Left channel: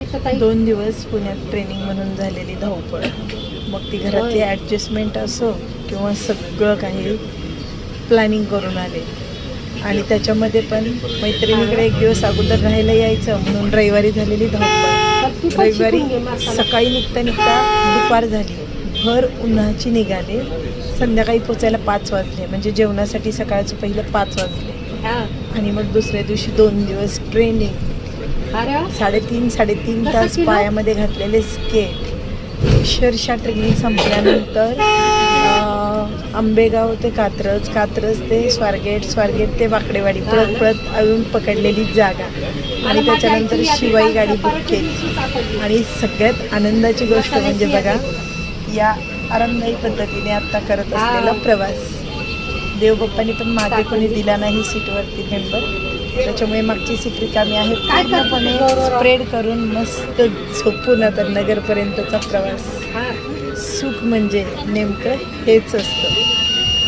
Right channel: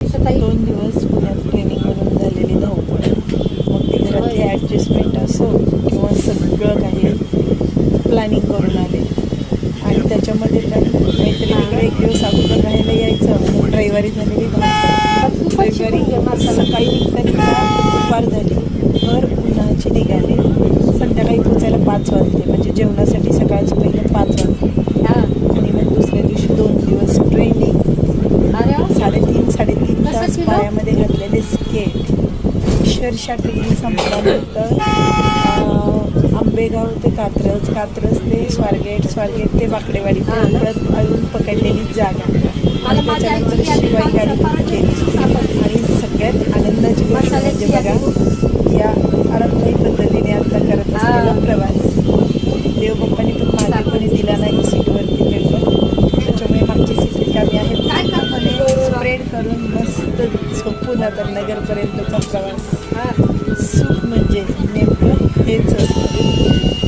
2 दिवस पुण्यात ट्रेनिंग म्हणून झालेली धावपळ, मग ती घरातली ॲडजस्टमेंट असो किंवा सगळं काही प्लॅनिंग करून आले. आणि त्याच्यामध्ये पण मैत्रिणीकडे एक दिवस अगोदर राहायला यायचं म्हणून रविवारी झालेली धावपळ. रविवारी सकाळी निघता दुपार झाली, भर उन्हाची निघाले, संध्याकाळी पोचायला 5 वाजले, म्हणजे जेवणासाठी सकाळचं पहिलं 5 वाजले. आणि मग दुसऱ्या दिवशी 2 दिवस ट्रेनिंग, 3.5 तास पायामध्ये घातलेले स्केट. अक्षरशः ट्रेनिंग संपल्यानंतर आंबेगाव ते कात्रज, कात्रज ते स्वारगेट ते वाकडेवाडी, पळत अजून पकडलेली जागा. आणि त्याच्यानंतर शिवाई गाडी बुक केली. आणि सगळ्यात आनंदाची गोष्ट म्हणजे बघा, या आरामदायी पद्धतीने आत्ता करत असलेला प्रवास. देवबाप्पांनी पण मागे कोणी दिला नाही सीटवरती पेपर, त्याच्यामुळे मागची सीट रिकामी आहे. पूर्णपणे स्प्रेड करून मस्त झोपून आता नगरपर्यंतचा प्रवास. सुख म्हणजे नेमकं हेच असतं.